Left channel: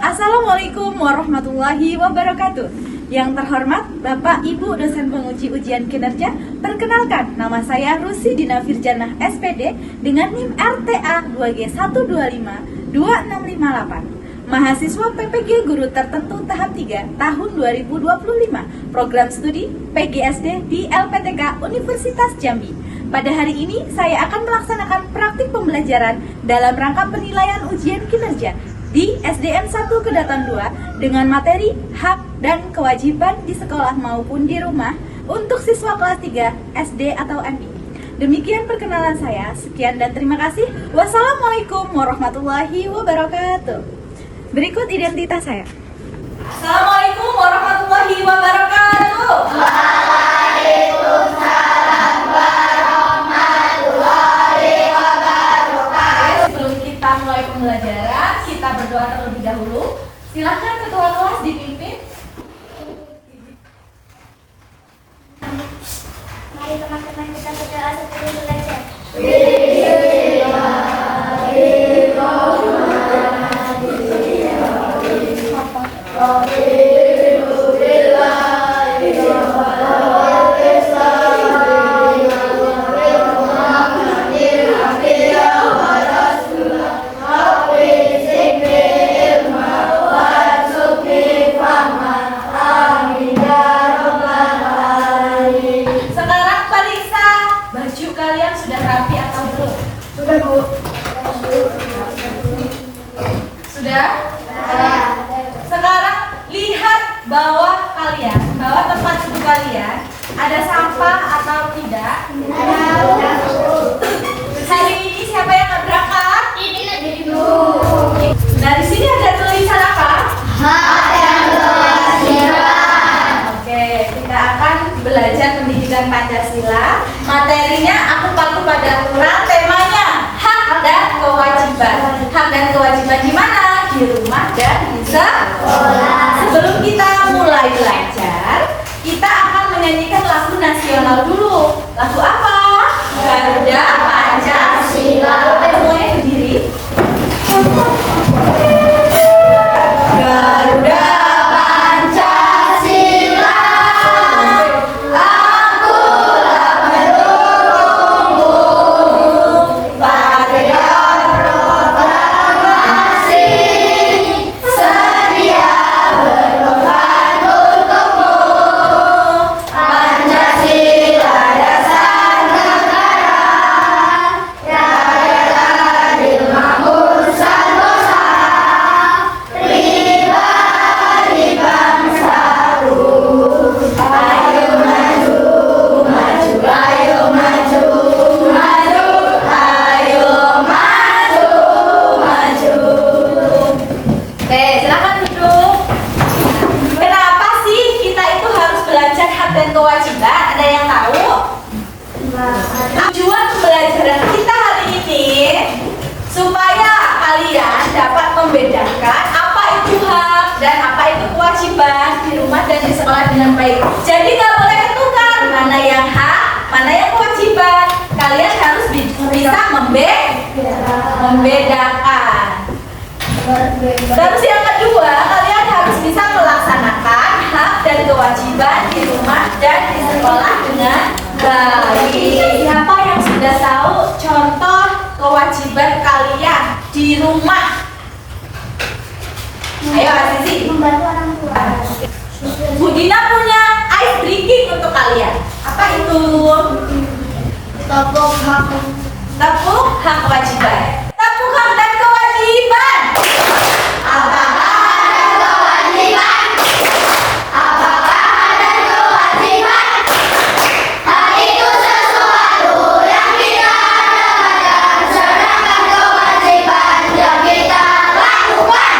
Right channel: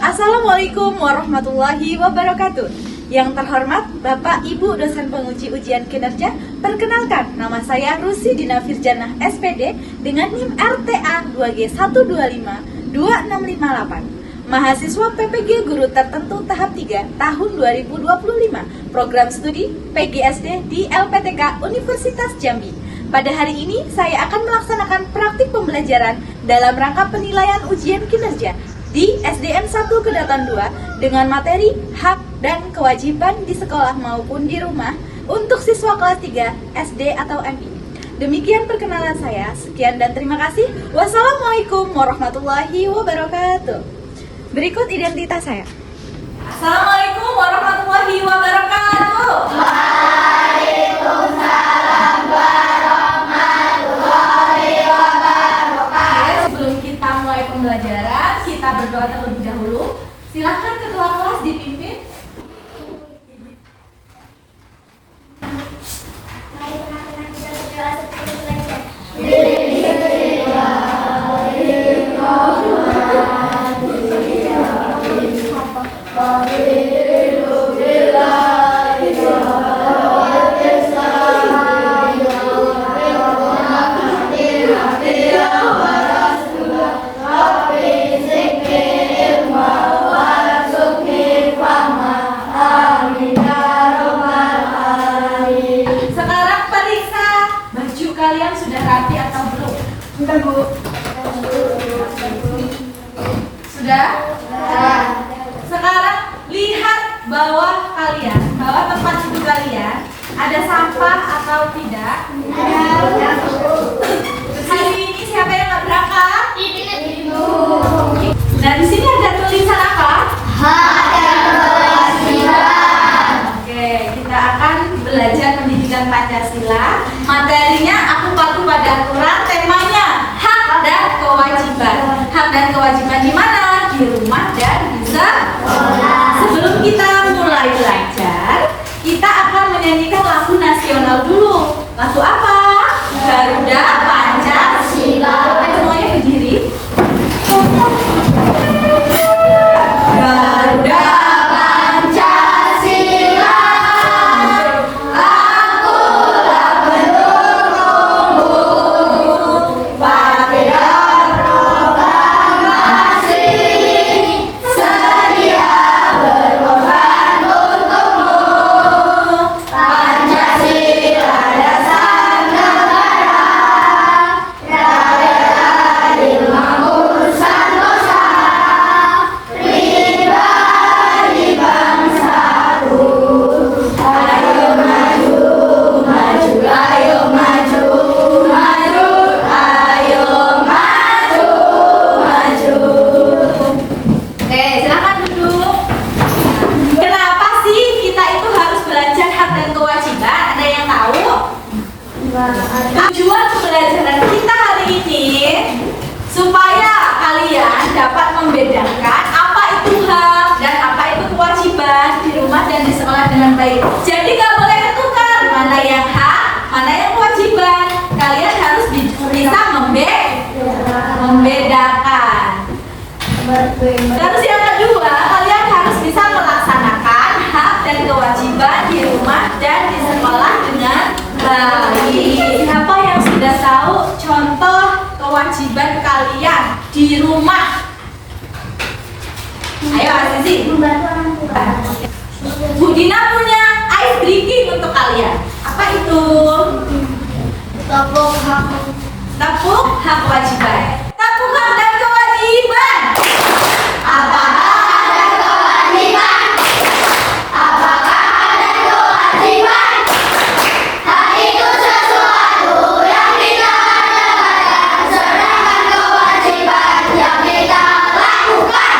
Assalamualaikum warahmatullahi wabarakatuh. Yang terhormat Bapak Ibu dosen penguji ujian kinerja, perkenalkan nama saya Rusi Dina Firjanah SPD dengan NIM RTA 2G1252658. Mahasiswa PPG Guru Tertentu tahap 3 tahun 2025, program studi PGSD di LPTK Universitas Jambi. Pada hari ini saya akan melaksanakan praktik pembelajaran dalam rangka penilaian ujian kinerja di SDN 1 Kedatan 2 dengan materi hak dan kewajiban di sekolah maupun di rumah untuk siswa kelas 3 SD atau MI. Demikian perkenalan saya. Sekian dan terima kasih. Wassalamualaikum warahmatullahi wabarakatuh. Berikut identitas saya. Assalamualaikum warahmatullahi wabarakatuh. Waalaikumsalam warahmatullahi wabarakatuh. Sebelum kita mulai pembelajaran, kita berdoa terlebih dahulu. Silakan ketua kelas dipimpin. Mari teman-teman kita berdoa sebelum belajar. Kalian sudah rapi atau belum? Sudah, Bu. Sudah? Sekarang lihat bawah kalian, bawah tempat duduk kalian, ada sampah atau tidak? Ada. Hari ini siapa yang nggak berangkat? Nah, di sini ada tulisan apa? Hak dan kewajiban. Oke, kita akan belajar pendidikan Pancasila. Materinya aku paku pada aturan, temanya hak dan kewajiban. Hak dan kewajiban di mana? Di rumah dan di sekolah. Sebelum kita mulai belajar, kita akan menyanyikan lagu nasional dulu. Lagu apa? Garuda Pancasila. Semuanya berdiri. Garuda Pancasila, akulah pendukungmu pada proklamasi, sedia berkorban untukmu. Pancasila dasar negara, rakyat adil makmur sentosa, pribadi bangsaku. Ayo maju, maju, ayo maju, maju, ayo maju, maju. Oke, silakan duduk. Kenapa sih kita itu harus belajar hak dan kewajiban? Ada yang tahu? Tujuan pembelajaran kita hari ini supaya kalian dapat membedakan apa itu hak dan apa itu kewajiban di rumah dan di sekolah dengan baik. Jadi nggak boleh ketukar mana yang hak, mana yang kewajiban. Kalian harus bisa membedakan. Terus yang kedua, kalian harus bisa melaksanakan hak dan kewajiban di rumah dan di sekolah dengan baik. Siapa yang sudah tahu contoh kewajiban kalian di rumah? Ayo Azizi. Membantu orang tua. Bu Dina punya ice drinking untuk kalian. Apa itu? Tepuk hak. Tepuk hak kewajiban. Tepuk hak dan kewajiban. Apakah ada kewajiban? Apakah ada kewajiban? Hak itu sesuatu yang kita dapatkan, sedangkan kewajiban yang kita lakukan.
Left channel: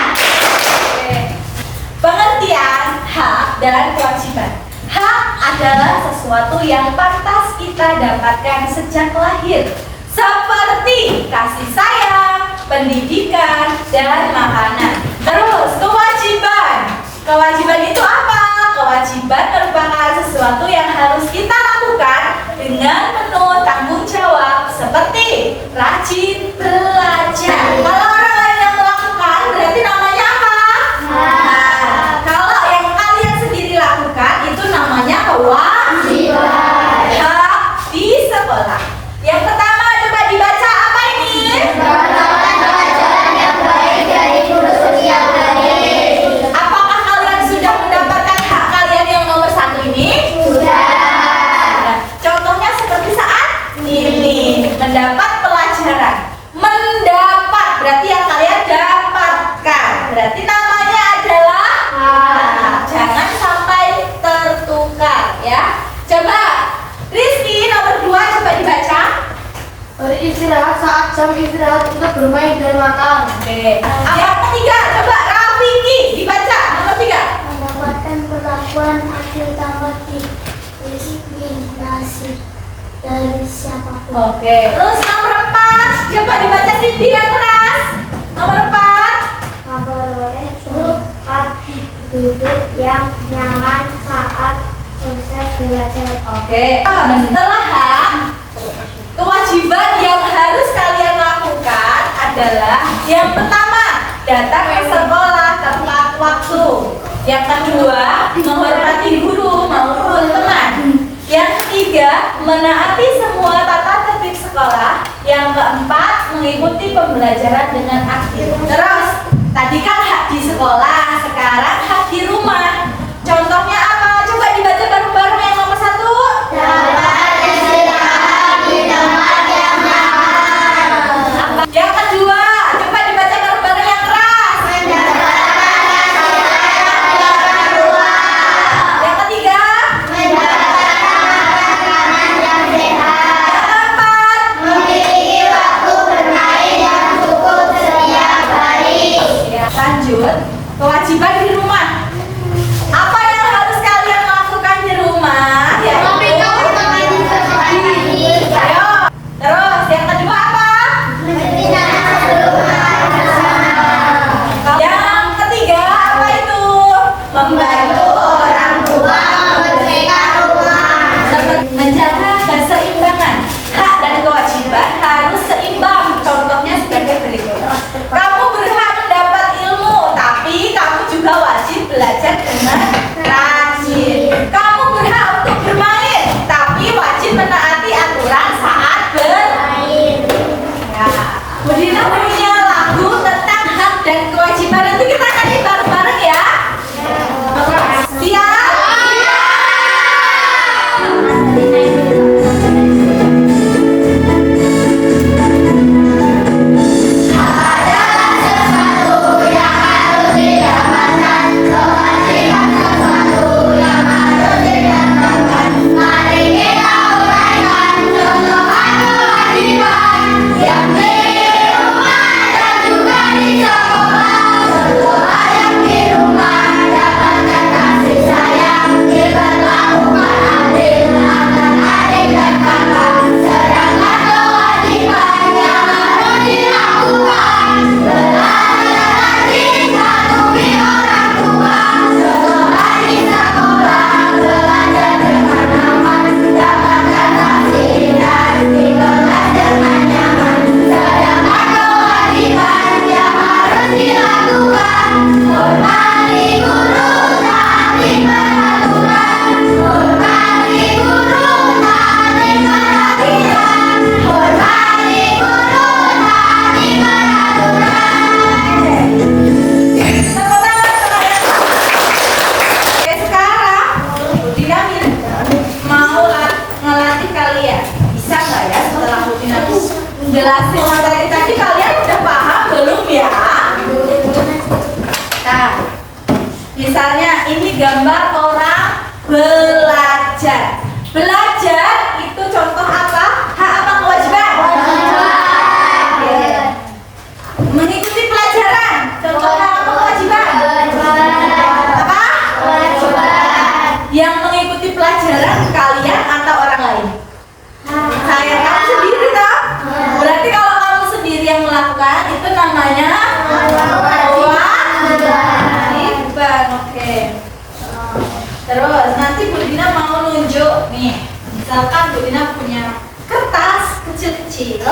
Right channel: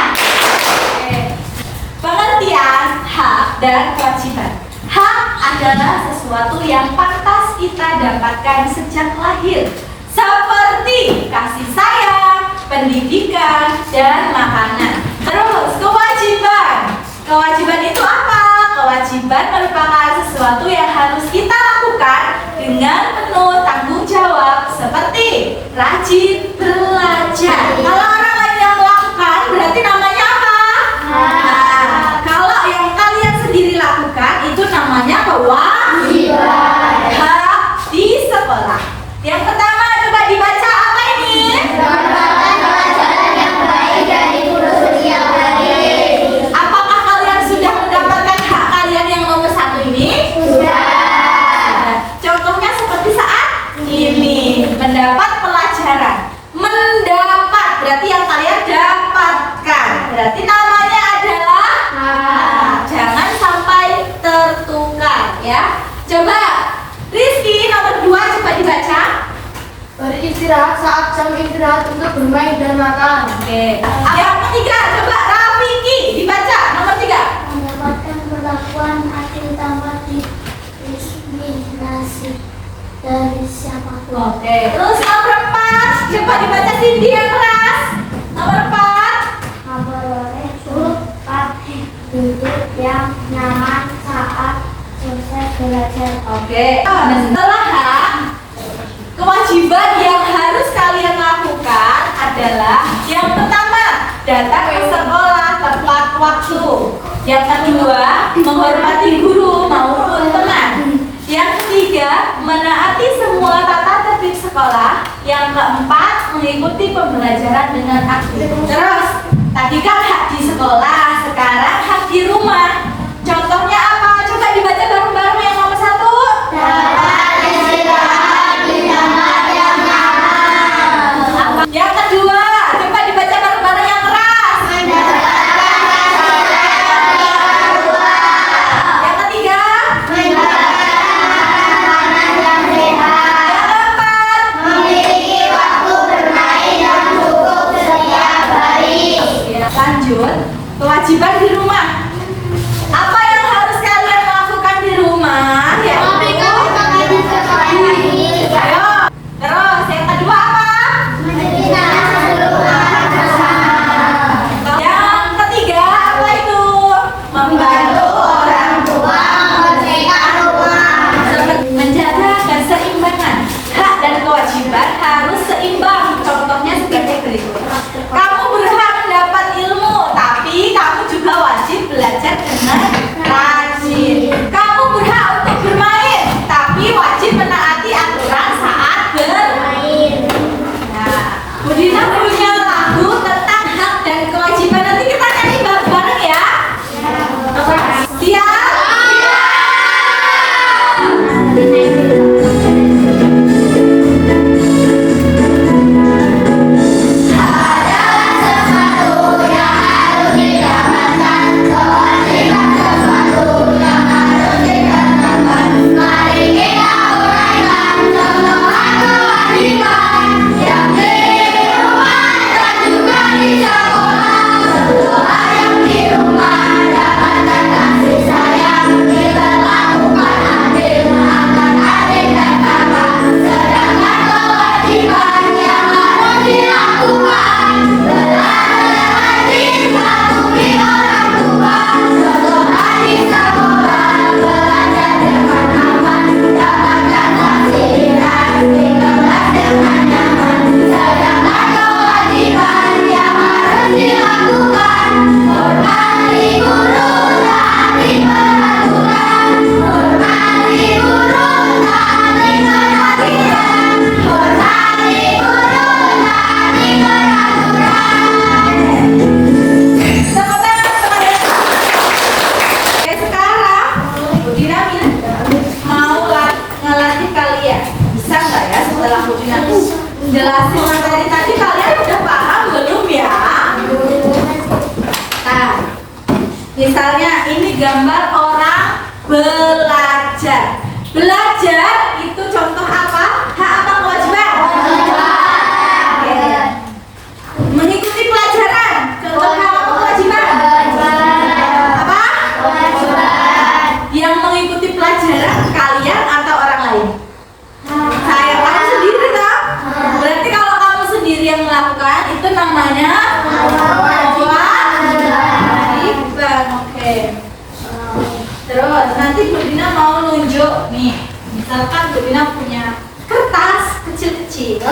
Oke. Pengertian hak dan kewajiban. Hak adalah sesuatu yang pantas kita dapatkan sejak lahir, seperti kasih sayang, pendidikan, dan makanan. Terus kewajiban. Kewajiban itu apa? Kewajiban merupakan sesuatu yang harus kita lakukan dengan penuh tanggung jawab, seperti rajin belajar. Kalau orang lain yang melakukan, berarti namanya apa? beristirahat saat jam istirahat untuk bermain dan makan. Oke. Yang ketiga, coba Rafiki dibaca nomor 3. Mendapatkan perlakuan adil tanpa diskriminasi dari siapapun. Oke. Terus nomor 4, coba dibaca Cindy yang keras. Nomor 4. Memperoleh tempat duduk yang nyaman saat proses belajar. Oke. Setelah hak, kewajiban yang harus kalian lakukan adalah yang pertama, datang ke sekolah tepat waktu. Yang kedua, menghormati guru maupun teman. Yang ketiga, menaati semua tata tertib sekolah. Yang keempat, mengikuti pembelajaran dengan aktif. Terus, tadi kan hak di sekolah, sekarang hak di rumah. Contohnya apa? Coba dibaca bareng-bareng yang nomor 1. Dapat istirahat di tempat yang nyaman. Yang kedua, coba dibaca bareng-bareng yang keras. Yang ketiga, yang keempat. Memiliki waktu bermain yang cukup setiap hari. Lanjut, kewajiban di rumah. Apa yang harus kalian lakukan di rumah? Memberikan teman di sekolah ini. Ayo. Terus, yang kedua apa? Menjadikan seruan bersama. Yang ketiga apa itu? Membantu orang tua membersihkan rumah. Menjaga keseimbangan. Hak dan kewajiban harus seimbang. Contohnya sebagai berikut. Kamu berhak mendapat ilmu, tapi kamu juga wajib belajar dengan rajin. Kamu berhak untuk bermain, tapi wajib menaati aturan saat bermain. Nah, Budina punya lagu tentang hak dan kewajiban. Nanti kita nyanyi bareng-bareng ya. Siap? Oke, sekarang Budina mau ngelatih kalian. Bisa nggak ya setelah Budina jelasin materi tadi, kalian udah paham belum ya? Nah, misalnya ini gambar orang belajar. Belajar itu contoh apa? Hak apa kewajiban? Oke. Mengikuti pelajaran. Contoh hak apa kewajiban? Apa? Yang mengikuti pelajaran kalian atau orang lain? Saya kamu sendiri toh? Berarti kalau kamu sendiri yang melakukan itu namanya kewajiban. Oke. Terus nanti Bu Dina mau nunjuk nih. Misalkan Bu Dina punya kertas kecil-kecil.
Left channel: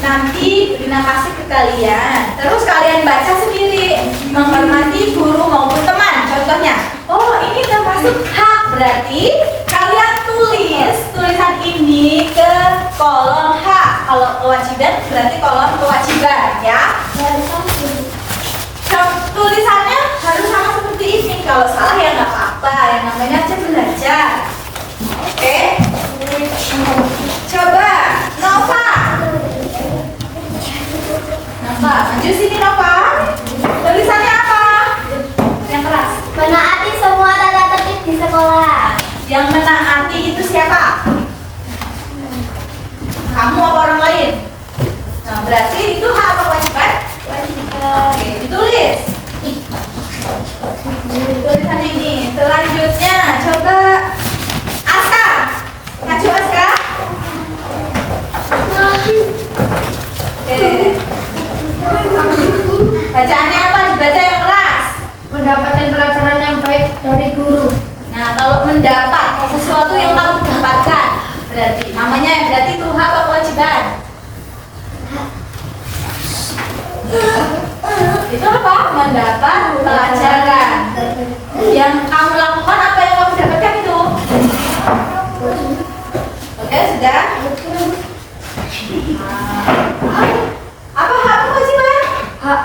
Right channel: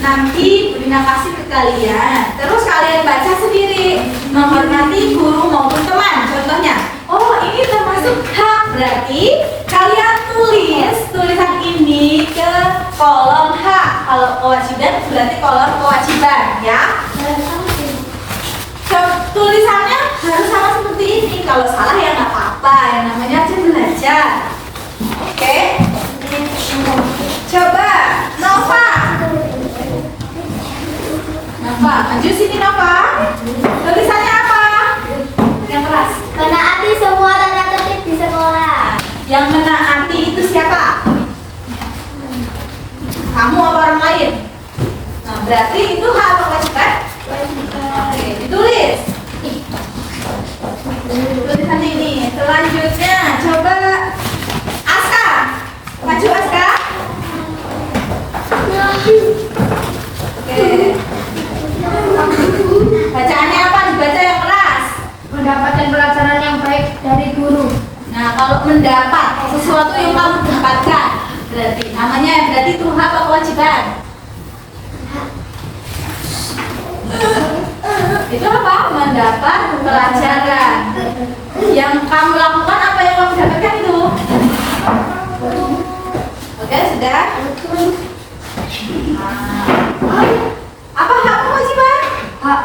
Nanti Bu Dina kasih ke kalian. Terus kalian baca sendiri. Menghormati guru maupun teman. Contohnya, oh ini termasuk hak. Berarti kalian tulis tulisan ini ke kolom hak. Kalau kewajiban berarti kolom kewajiban ya. Tulisannya harus sama seperti ini. Kalau salah ya nggak apa-apa. Yang namanya aja belajar. Oke. Coba Nova. Nova, maju sini Nova. Tulisannya apa? Yang keras. Menaati semua tata tertib di sekolah. Yang menaati itu siapa? Kamu apa orang lain? berarti itu hak apa kewajiban? Oke, ditulis. Tulisan ini. Selanjutnya coba Aska. Maju Aska. Oke. Bacaannya apa? Dibaca yang keras. Mendapatkan pelajaran yang baik dari guru. Nah, kalau mendapat sesuatu yang kamu dapatkan, berarti namanya berarti itu hak apa kewajiban? Itu apa? Mendapat pelajaran. Yang kamu lakukan apa yang kamu dapatkan itu? Oke, sudah? Apa hak kewajiban? Hak.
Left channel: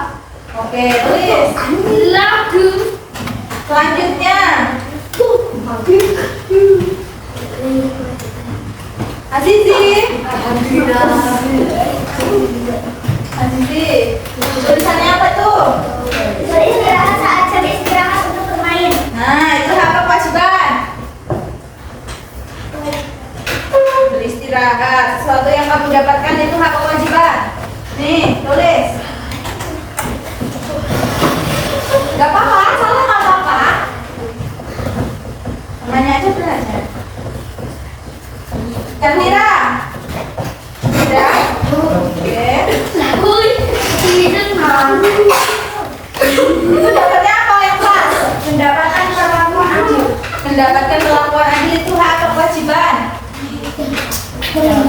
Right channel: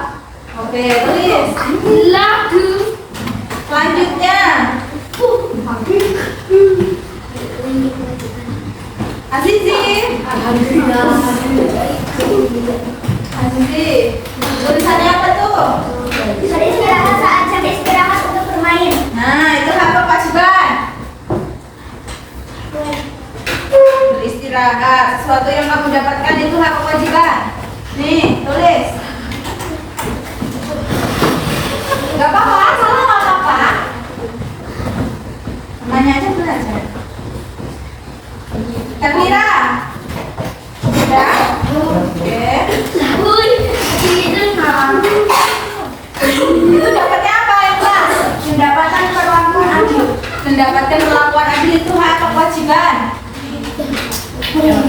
Oke, tulis. Lagu. Selanjutnya, Azizi. Azizi, tulisannya apa tuh? Beristirahat saat jam istirahat untuk bermain. Nah, itu hak apa kewajiban? Beristirahat. Sesuatu yang kamu dapatkan itu hak apa kewajiban? Nih, tulis. Gak apa-apa, salah gak apa-apa. Nanya aja belajar. Termira. Sudah? Oke. Itu dapatnya apa yang kelas? Mendapatkan perlakuan adil. Mendapatkan perlakuan adil itu hak atau kewajiban?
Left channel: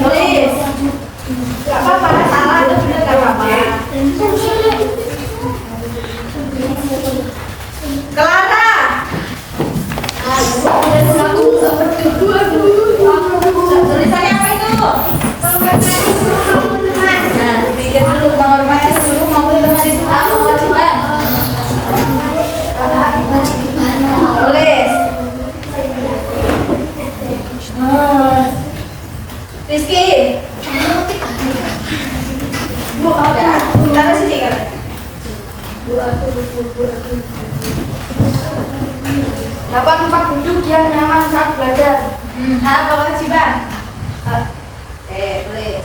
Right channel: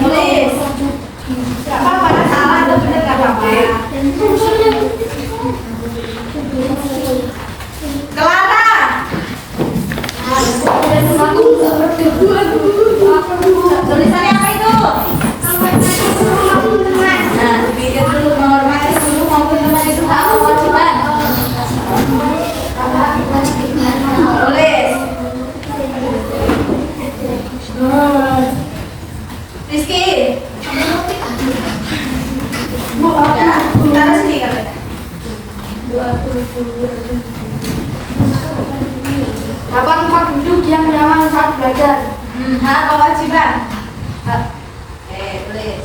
Tulis. Gak apa-apa, salah atau benar gak apa-apa. Clara. Tulisannya apa itu? Nah, pikir dulu, menghormati guru maupun teman itu hak atau kewajiban? Tulis. Rizky. Ya, taruh sini kan. Dapat tempat duduk yang nyaman saat belajar. Hak atau kewajiban? Oke, tulis.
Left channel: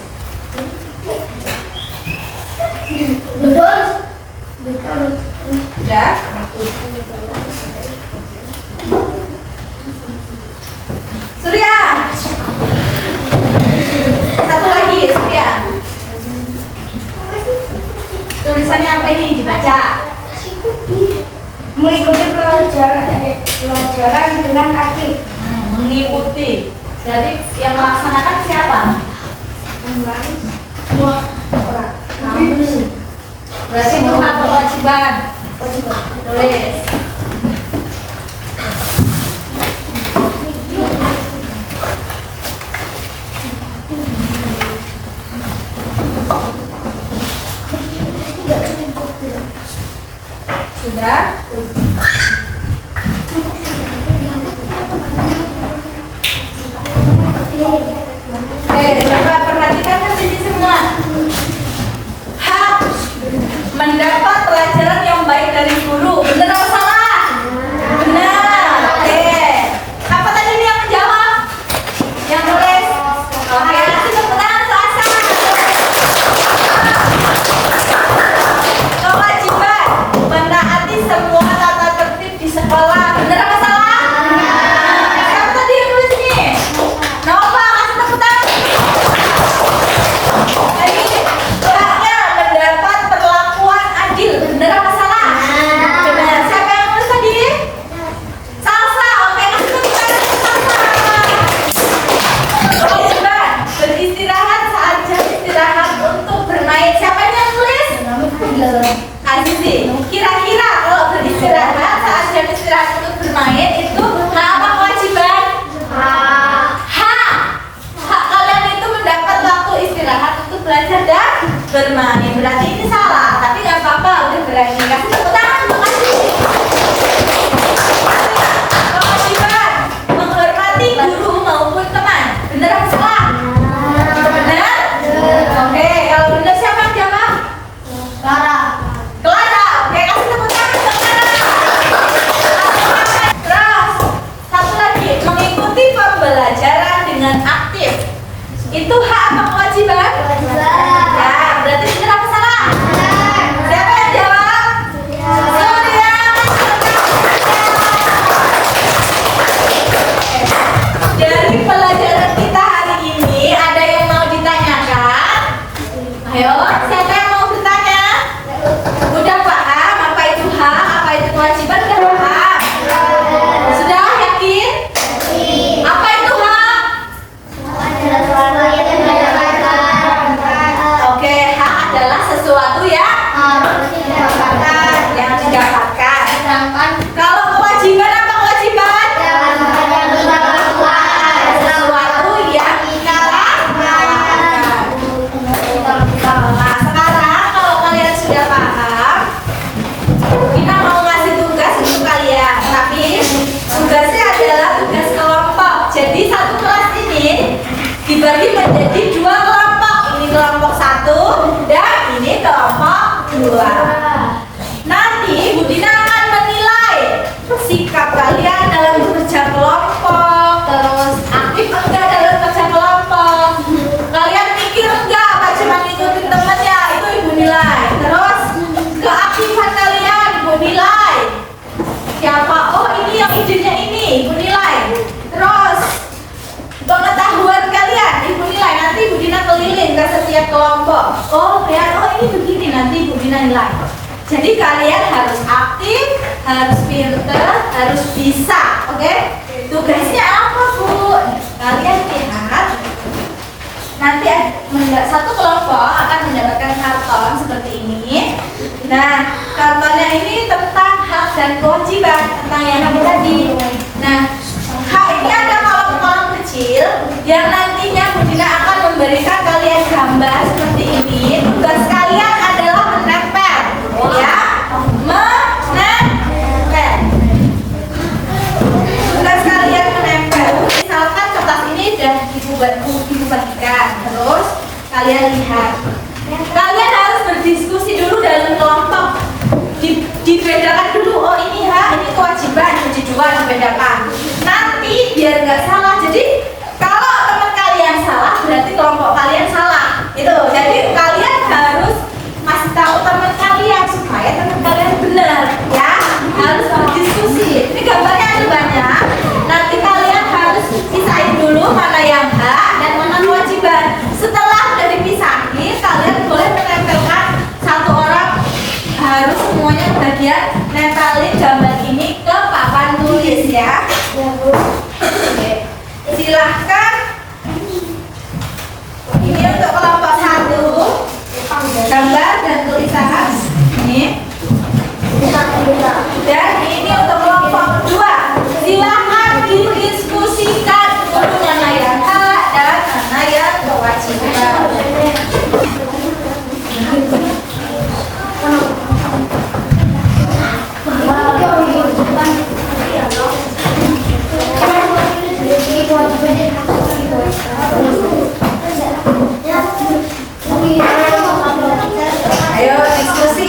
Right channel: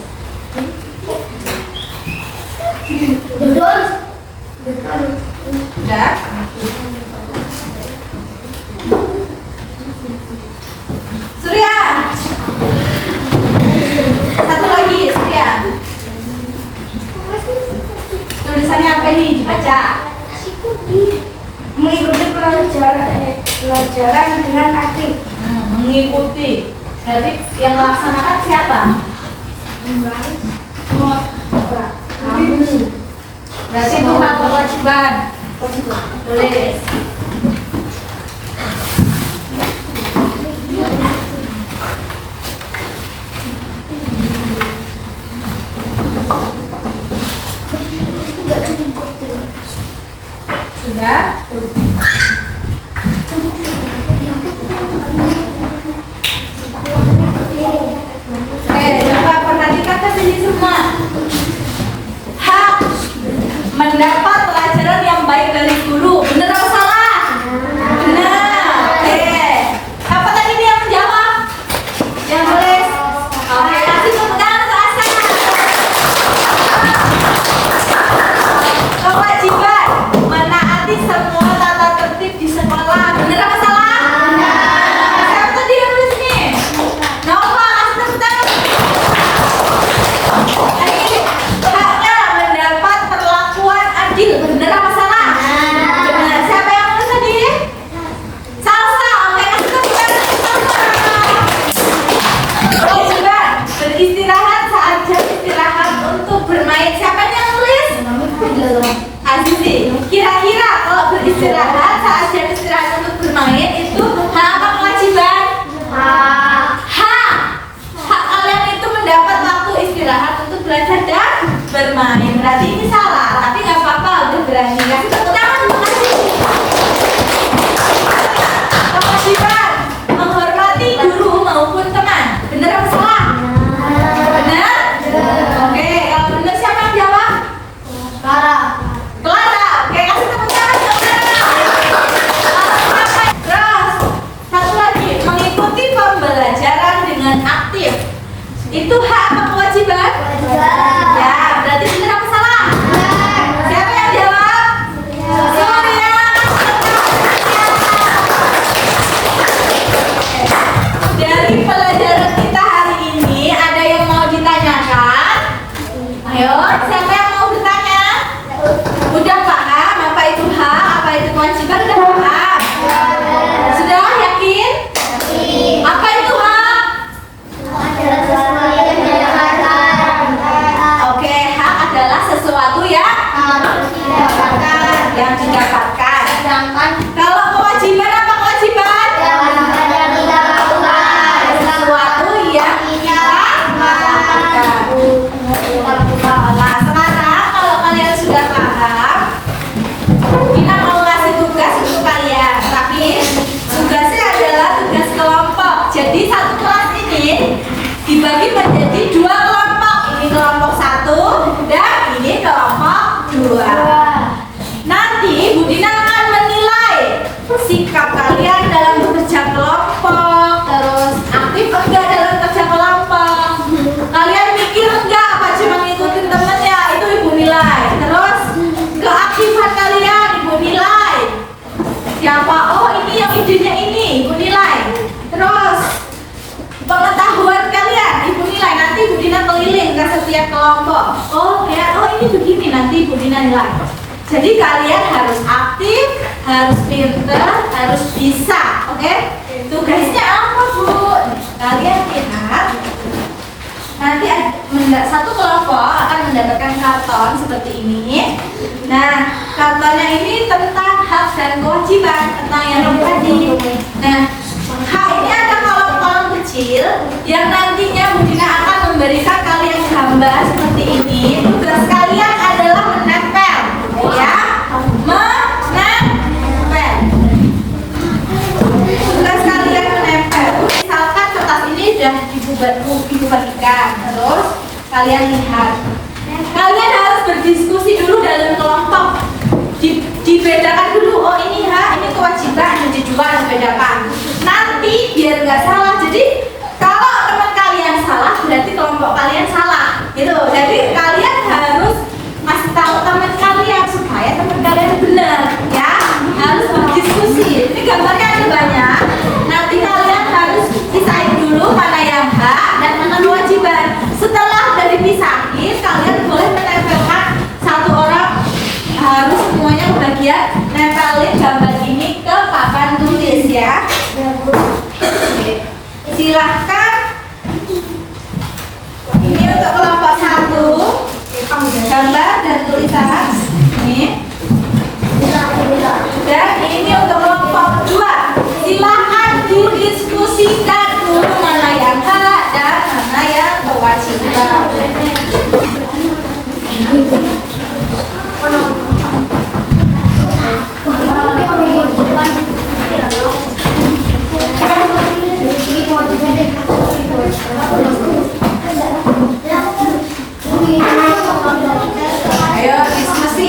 Duduk. Sudah? Surya. Satu lagi, Surya. Tulisannya apa ini? Dibaca. Mengikuti pelajaran dengan aktif. Mengikuti. Berarti yang melaksanakan siapa? Berarti itu hak atau kewajiban? Tulis. Sudah? Oke, coba perhatikan ke sini semua. Hak mendapat pelajaran yang baik dari guru. Benar atau salah? Benar. Oke. Apa tadi nih yang menjawab? Yang tulis? Oke, kasih tepuk tangan untuk Asa. Kewajiban menaati semua tata tertib di sekolah. Benar apa salah? Siapa tadi yang tulis ini? Nova, kasih tepuk tangan. Hari ini haknya mendapat perlakuan adil. Benar apa salah? Benar. Siapa yang nulis tadi? Salsa. Oke, kasih tepuk tangan untuk Salsa. Kewajiban beristirahat saat jam istirahat untuk bermain. Siapa yang nulis? Azizi. Kira-kira kalau beristirahat saat jam istirahat untuk bermain itu hak apa kewajiban? Hak. Hak kalian itu mendapat waktu istirahat untuk belajar dan bermain. Berarti ini salah, tapi nggak apa-apa, udah berani. Kasih tepuk tangan untuk Azizi. Kewajiban menghormati guru maupun teman. Benar apa salah? Benar? Oke, kalau benar siapa yang jawab? Clara. Oke, kasih tepuk tangan untuk Clara. Terus, satu lagi, mengikuti pembelajaran dengan aktif. Itu hak apa kewajiban? Kewajiban. Ya, berarti Bu Dina akan menilai sikap kalian dalam bekerja kelompok, terus aktif enggak dalam kerja kelompok. Kalian mikir enggak apa cuma ngikutin temennya, itu Ibu nilai. Terus keaktifan kalian Ibu nilai. Siapa? Oh ini yang idenya ini, Ibu nilai. Terus pengetahuan kalian Ibu nilai. Nanti Ibu Dina keliling ke setiap kelompok. Oh kayak oh ini begini, nanti Ibu Dina nilai. Jadi kalian harus aktif, harus pinter, harus bisa, oke? Tugasnya apa Bu? Kalian lihat. Nanti satu kelompok akan mendapatkan karton seperti ini. Nah, kartonnya ini tentang hak dan kewajiban tentang yang tadi. Nah, hak ini ada kolom-kolom kecil yang nantinya Bu Dina akan memberikan kalian gambar seperti ini. Tugas kalian adalah menempel, ya, menempel. Tugas kalian menempel. Misalkan kertas ini sudah Ibu bagikan, terus kalian lihat. Kalian harus berdiskusi dulu dalam kelompok. Dibedakan dulu. Oh ini hak, ini kewajiban. Jadi dua dibedakan. Nanti biar nggak salah. Jadi kalau teman kalian salah, berarti kelompok kalian salah. Itu. Jadi kalian harus kasih tahu teman kalian supaya teman kalian benar, ya. Harus berdiskusi. Ini gambarnya ada banyak. Nanti kalian harus pisahin dulu mana yang hak dan mana kewajiban. Setelah udah dipisahin, kalian boleh menempelkan satu orang harus semuanya bagian nempelin gambar ini ke papan tulis ya. Oke. Silahkan. Ini untuk kelompok 1. Gambar dan tulisan ini. Dan ini untuk kelompok 2. Silahkan didiskusikan dulu mana yang hak dan mana yang kewajiban. Ayo diskusi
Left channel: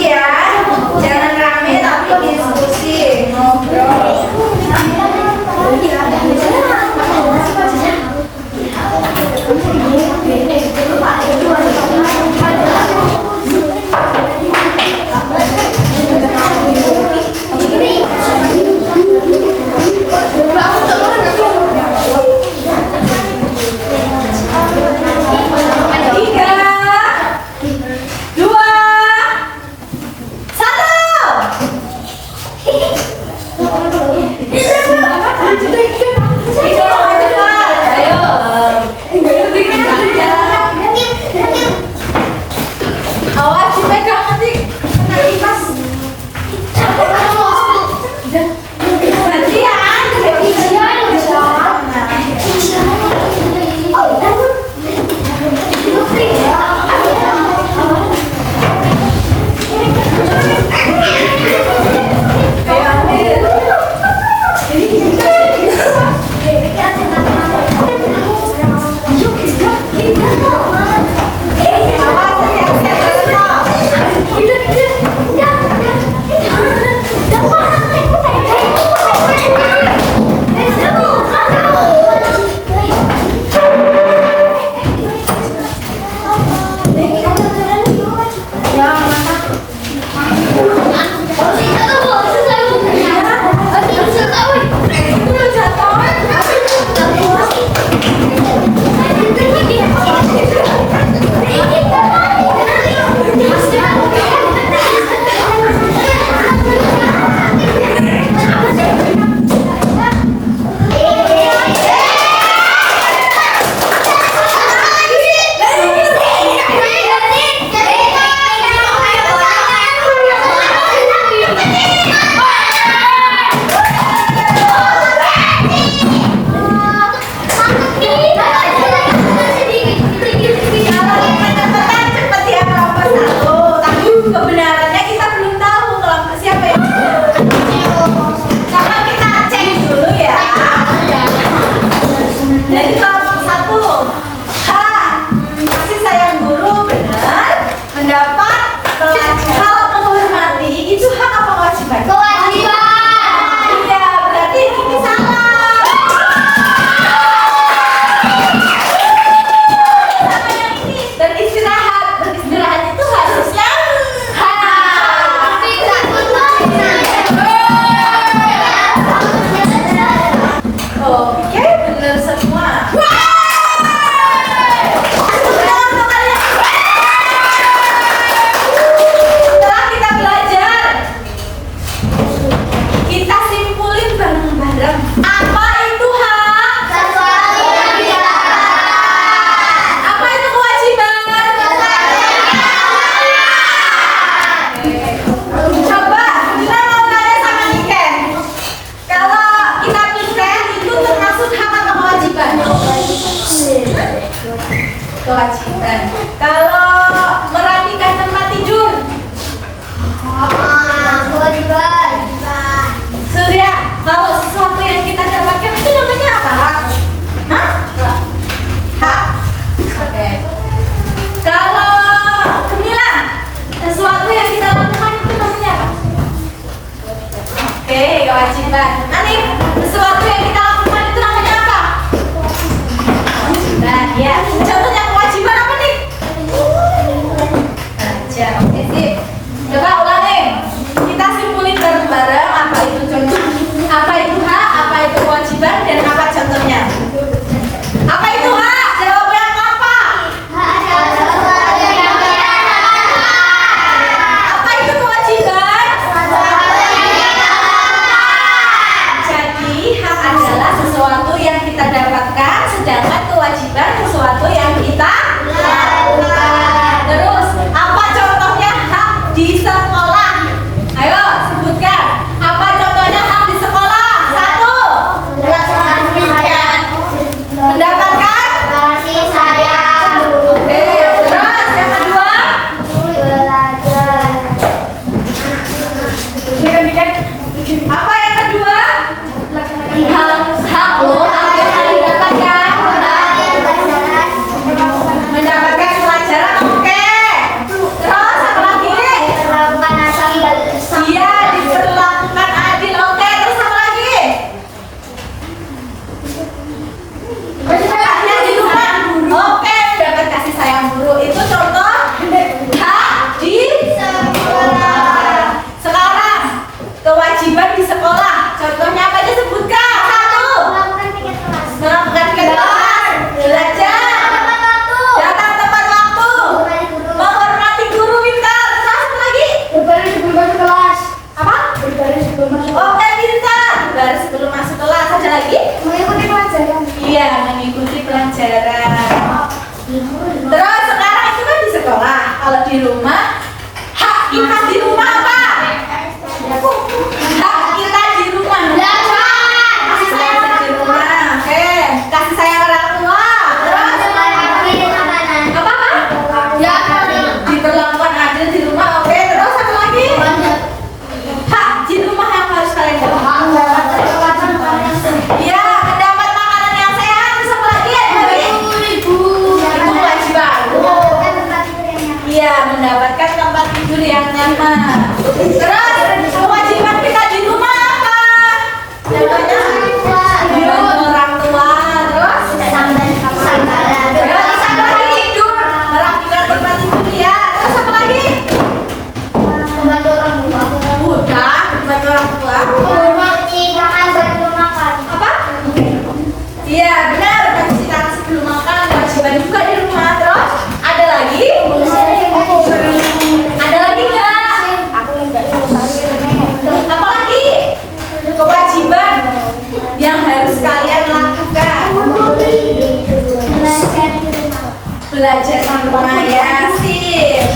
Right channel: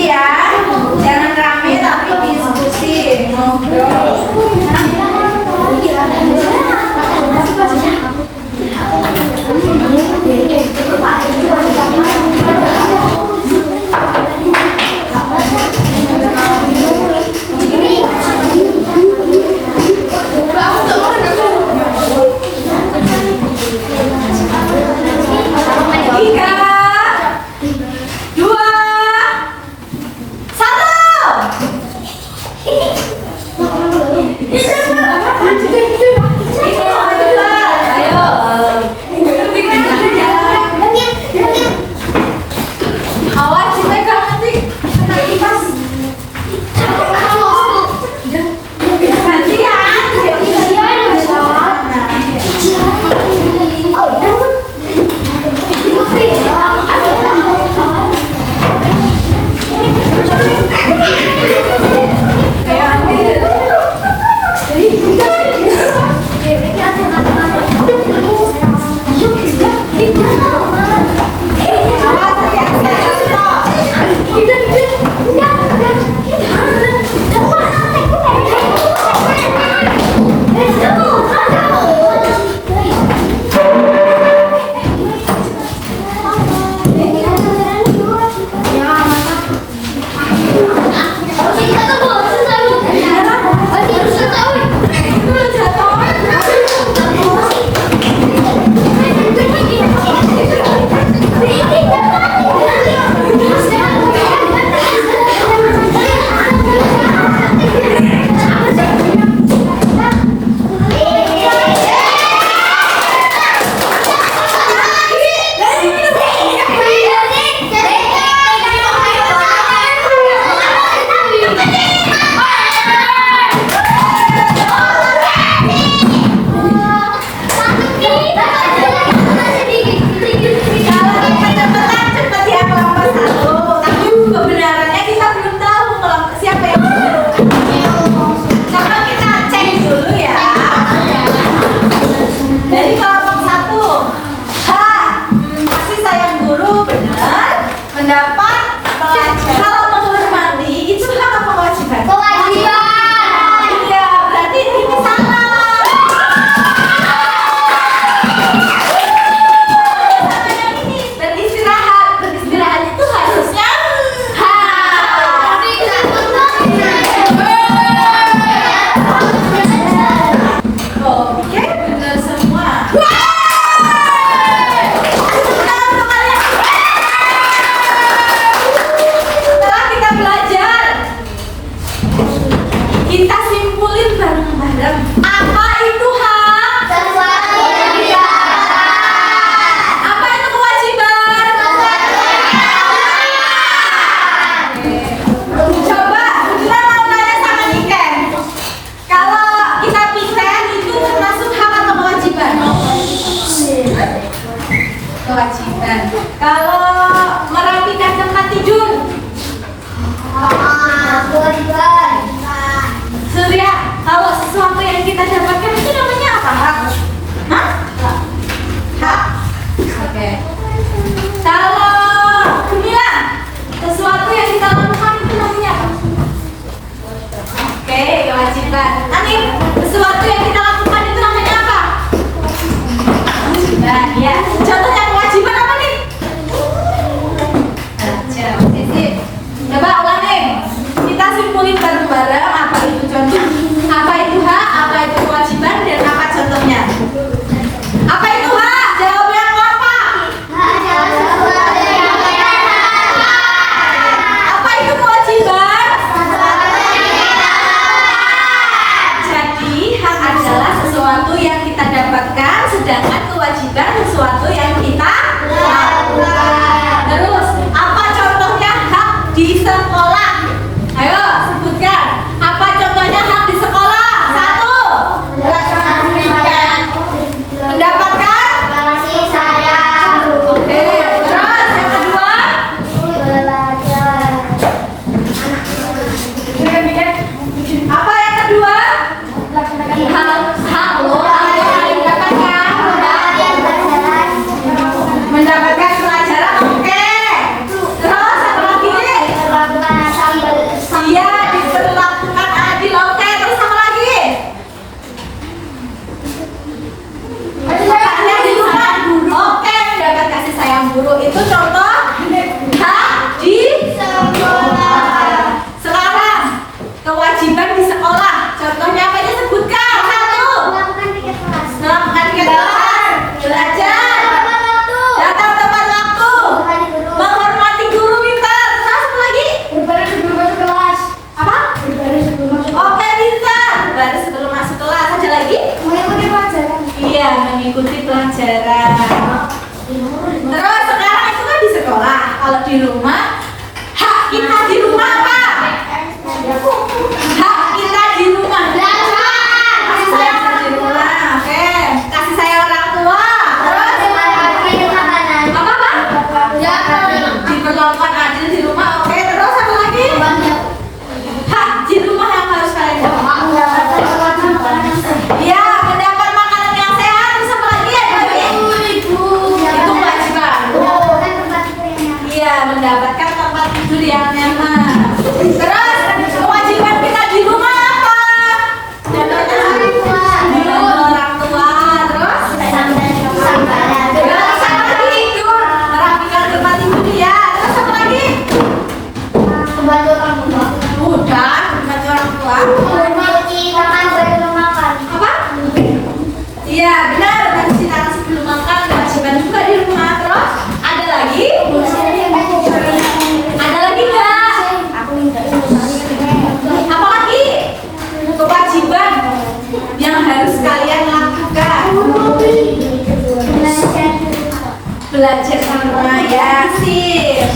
kewajiban. Anik, sesuatu yang kita lakukan itu namanya apa? Nah, ya. Contohnya kewajiban apa nih? Belajar. Oke, sip. Coba ulang nih. Kita simpulin bareng-bareng apa itu contoh, apa itu hak, apa itu kewajiban, dan apa contohnya. Apa itu hak? Jawab yang apa? Apa itu kewajiban? Jadi hak adalah sesuatu yang kita dapatkan, sedangkan kewajiban sesuatu yang kita lakukan. Terus, apa contohnya hak di sekolah? Ayo sebutkan. Apa contohnya hak di sekolah? Satu. Mendapatkan. Oke. Terus yang kedua. Apa yang kedua? Hak lo apa yang harus didapatkan? Mendapatkan pelajaran. Oke. Terus apa lagi? Iya, diperlakukan adil. Oke. Terus apa lagi? Haknya di rumah. Oke, mendapat kasih sayang guru. Itu contoh hak di sekolah. Sekarang kewajiban di sekolah. Contohnya apa aja sebutkan? Satu. Melakukan tiket kelas. Belajar. Datang tepat waktu. Menghormati guru pintar. Terus apa lagi? Apa? Oke, pintar. Baris sebelum masuk kelas. Ada lagi? Iya, mengikuti pelajaran. Terus sekarang itu kan di sekolah. Kalau di rumah, hak kita di rumah apa? Hak kita di rumah. Kasih sayang di rumah. Oke, kasih sayang orang tua. Terus apa? Diperlakukan adil di rumah. Oke, terus apa lagi? Hak di rumah yang harus kalian dapat. Iya, mendapat makanan yang sehat. Terus apa lagi? Ada lagi? Itu kewajiban. Iya, mendapatkan tempat tidur yang nyaman. Terus kewajiban kita di rumah apa? Contohnya membantu orang tua. Terus terus apa lagi? Tidur, merapikan tempat tidur ya. Terus apa lagi? Udah, membantu orang tua. Apa? Iya, benar. Kasih tahu sebelum makan. Kewajiban juga di rumah. Terus ada lagi? Ada lagi nggak? Apa lagi? Kewajiban yang harus kalian lakukan. Belajar sama ya, sip.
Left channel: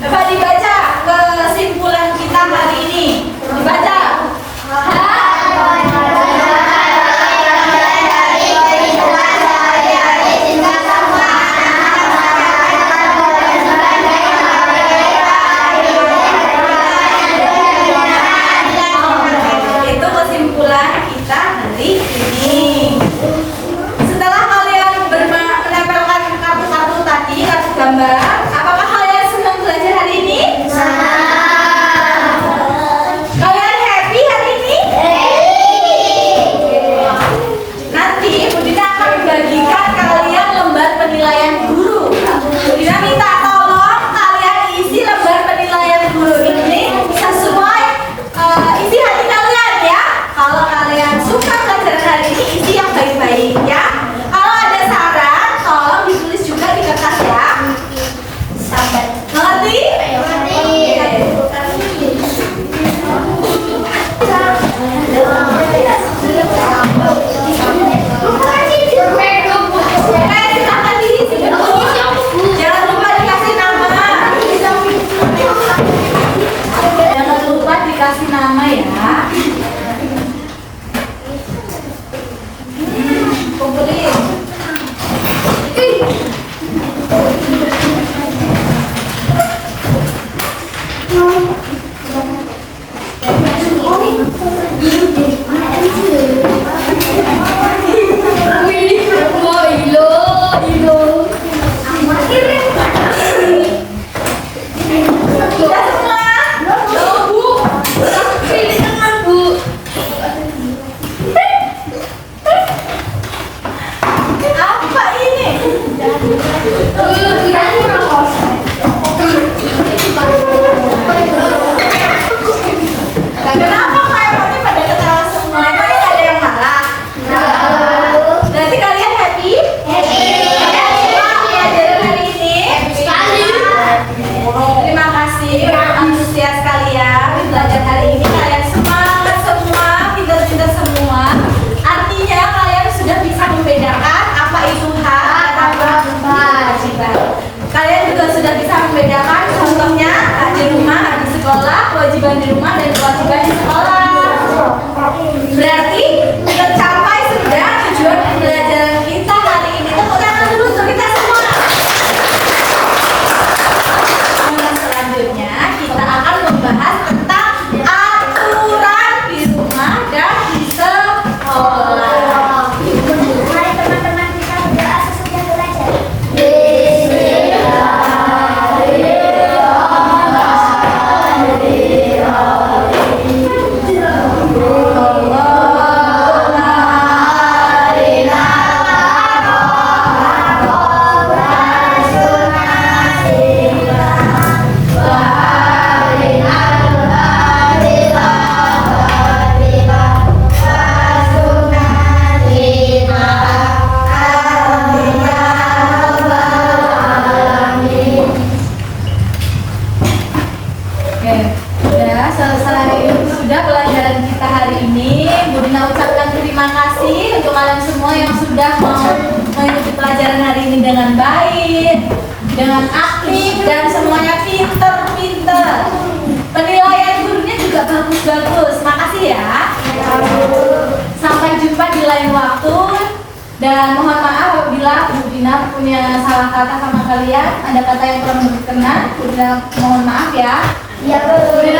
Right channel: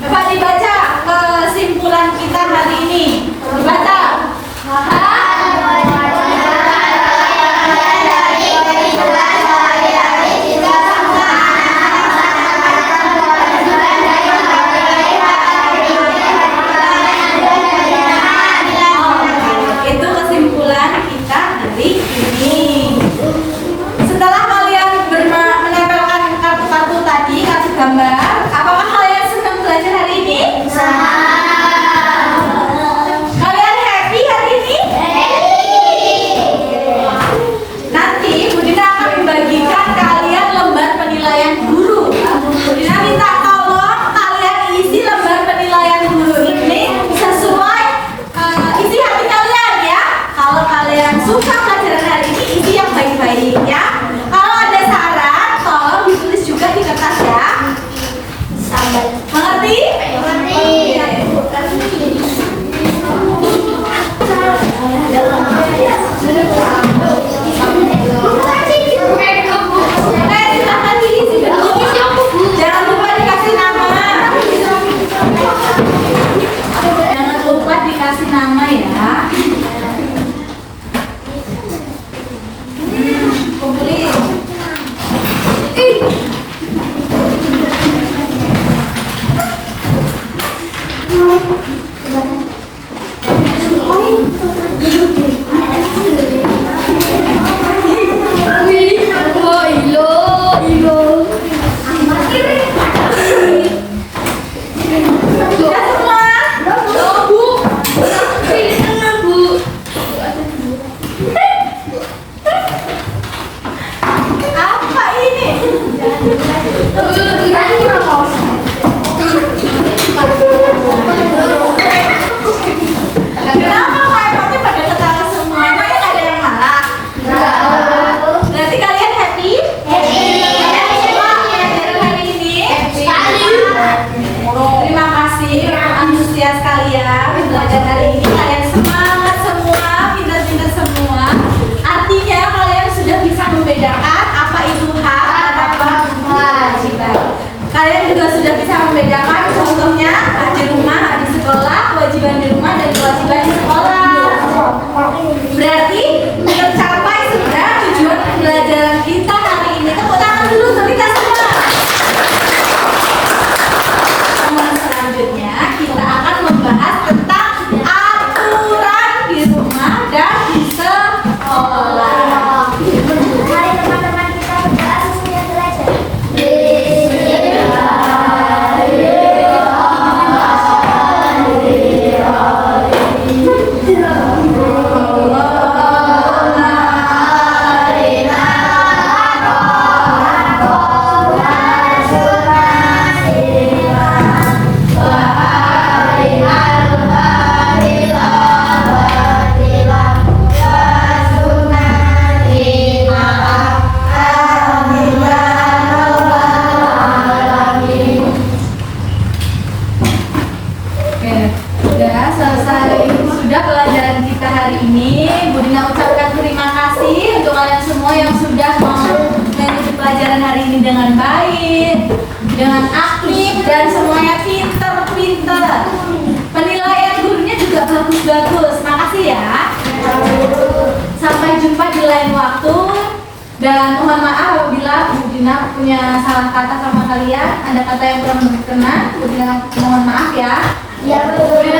Coba dibaca kesimpulan kita hari ini. Dibaca. Itu kesimpulan kita hari ini. Setelah kalian menempelkan kartu-kartu tadi, kartu gambar, apakah kalian senang belajar hari ini? belajar hari ini kalian semangat semua, pintar-pintar semua. Artinya kalian sudah bisa membedakan apa itu hak dan apa kewajiban. Kalian juga sudah bisa membedakan contohnya hak di rumah, hak di sekolah, kewajiban di rumah dan kewajiban di sekolah. Berarti tercapai sudah tujuan pembelajaran kita hari ini. Tepuk tangan dulu untuk kita semua. Selanjutnya kita akan membahas tentang aturan di rumah dan di sekolah. Hari teman-teman kita berdoa sesudah belajar. Oke, sudah selesai. Sudah pelajaran kita hari ini. Bu Dina ucapkan terima kasih untuk kalian semua yang sudah mengikuti pelajaran hari ini dengan baik, dengan aktif dan semuanya pinter-pinter. Penilaian gurunya juga bagus-bagus. Makasih ya. Sampai jumpa di lain waktu. Dan mohon maaf apabila Bu Dina punya salah kata sama kalian, ada kata yang kurang berkenan, Bu Dina mohon maaf ya. Ya, Bu. Bu Dina